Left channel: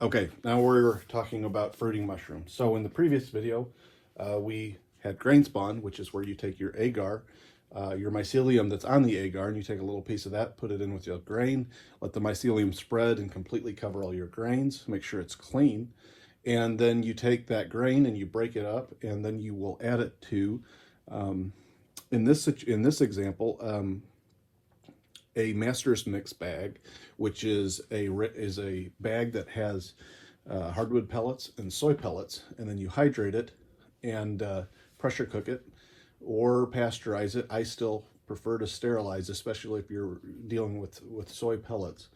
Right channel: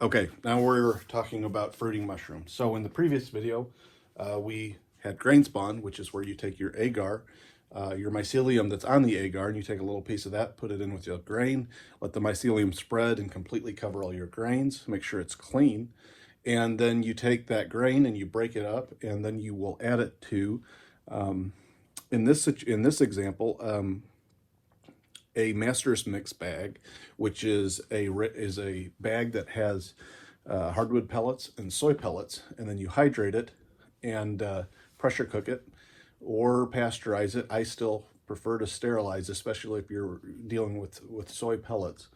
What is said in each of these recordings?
Okay, now we're talking about fruiting mushrooms. So in the previous video, we had grain spawn, which is where you take your agar, your mycelium that's on the agar, and you take a little piece of that, put it in with your grain, let the mycelium spread and completely cover all your grains, make sure it's clean. And then you take that grain and you break it up, and then you will add it to, in this example, a master's mix bag, which is a bag that has hardwood pellets and soy pellets, and then you hydrate it and pressure cook it or pasteurize it. I still prefer to sterilize, especially if you're dealing with soy pellets.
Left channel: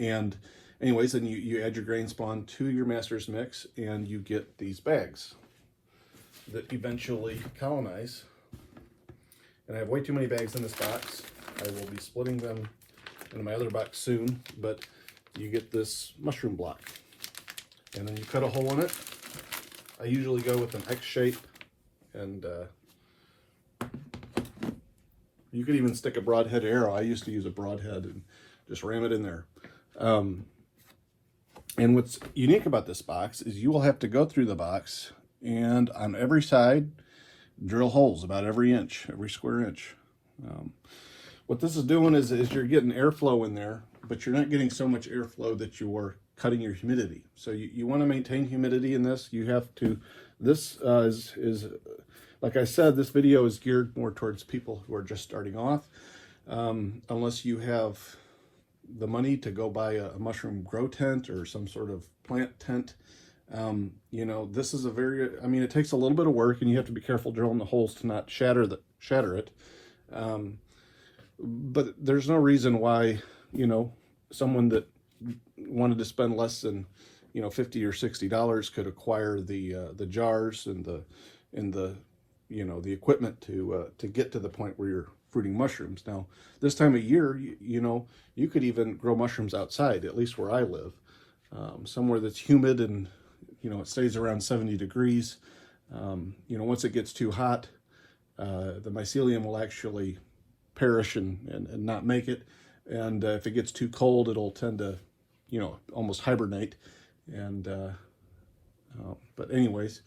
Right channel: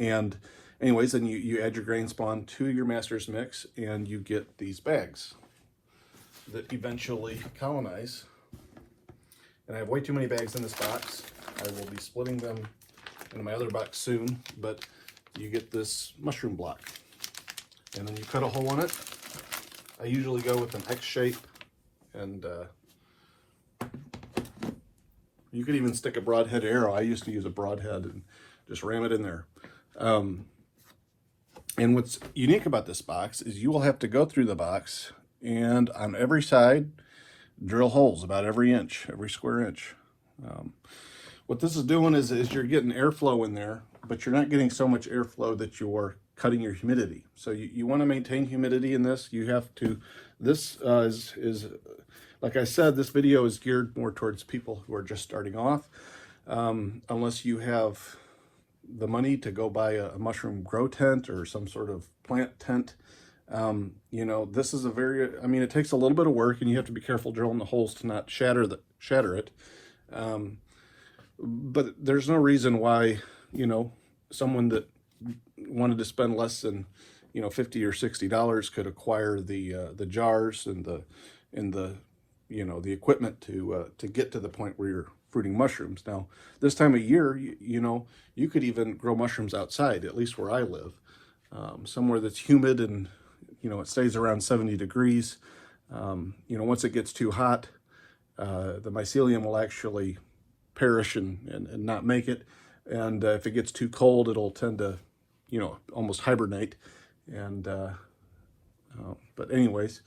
And anyways, then you add your grain spawn to your master's mix, and you get these bags that eventually colonize. And I have way too many bags in this box. I will be splitting them in my other box soon, but you get this mushroom block. And then you cut a hole in it. I usually go with an X shape, and you could even stick a broadhead arrow. I used to use a broadhead and just ram it in there. And what's unique about this box is you will have to go through the box and on every side, drill holes about every inch, every square inch. What this is doing is you're getting airflow in there, but you're not getting so much airflow that you're cutting your humidity. So you want to maintain humidity in this. You have to, this is like I said, this video is geared more towards people who are just starting off. Unless you have the money to go buy a mushroom grow tent or some sort of plant tent. You know, this is a very, I mean, it takes a little bit of work, and you have to be careful drilling the holes to not shatter it. But there's no reason why, you know, someone that wanted to spend less than, you know, $50 or $60 could acquire the jars and the you know, the equipment to get to the point where you're fruiting mushrooms. Now, this time of year, you know, you could even grow mushrooms outside, at least where I live, somewhere that's humid and, you know, it stays around 70 degrees. You know, once it gets too hot, the mycelium will actually perish and not make it. And if it gets too cold, it'll tend to, you know, almost hibernate. And, but anyways,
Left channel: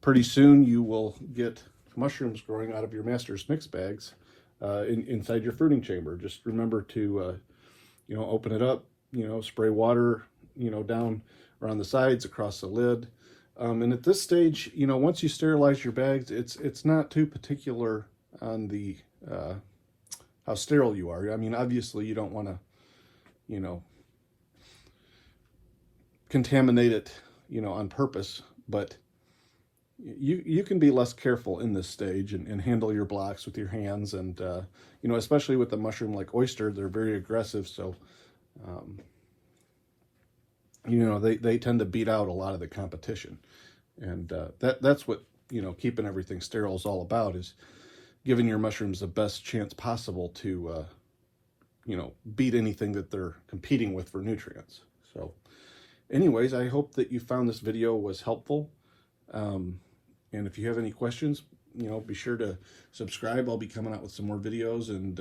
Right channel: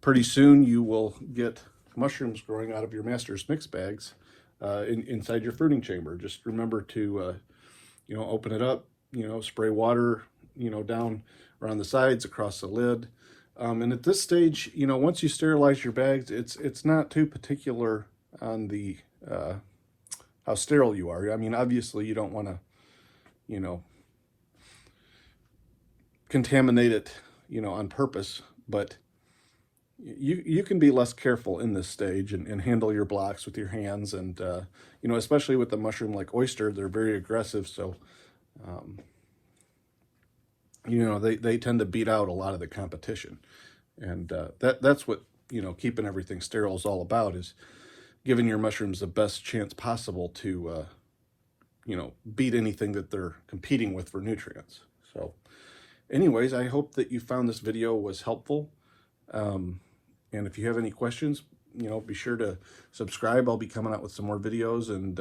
pretty soon you will get mushrooms growing out of your master's mix bags inside your fruiting chamber. Just remember to, you know, open it up, you know, spray water, you know, down around the sides, across the lid. And at this stage, you know, once you sterilize your bags, it's not too particular on the how sterile you are. I mean, obviously you don't want to, you know, contaminate it, you know, on purpose, but you can be less careful in this stage and handle your blocks with your hands. And, you know, especially with the mushroom like oyster, they're very aggressive. So, you know, they tend to beat out a lot of the competition. And that's what, you know, keeping everything sterile is all about, is giving your mushrooms the best chance possible to, you know, beat anything that they're competing with for nutrients. So anyways, I hope that you found this video was helpful. And if you have any questions, you know, be sure to subscribe. I'll be coming out with some more videos, and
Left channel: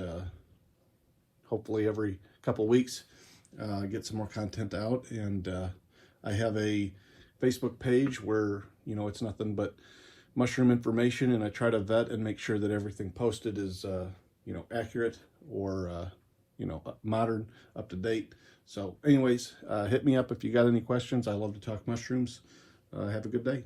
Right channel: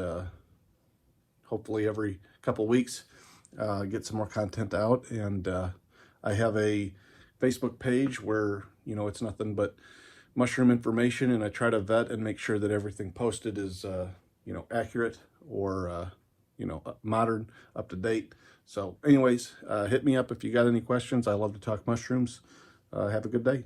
hopefully every couple weeks get some more content out. And I have a Facebook page where, you know, it's nothing but mushroom information, and I try to vet and make sure that everything posted is, you know, accurate or, you know, modern, up to date. So anyways, hit me up if you got any questions. I love to talk mushrooms. Have a good day.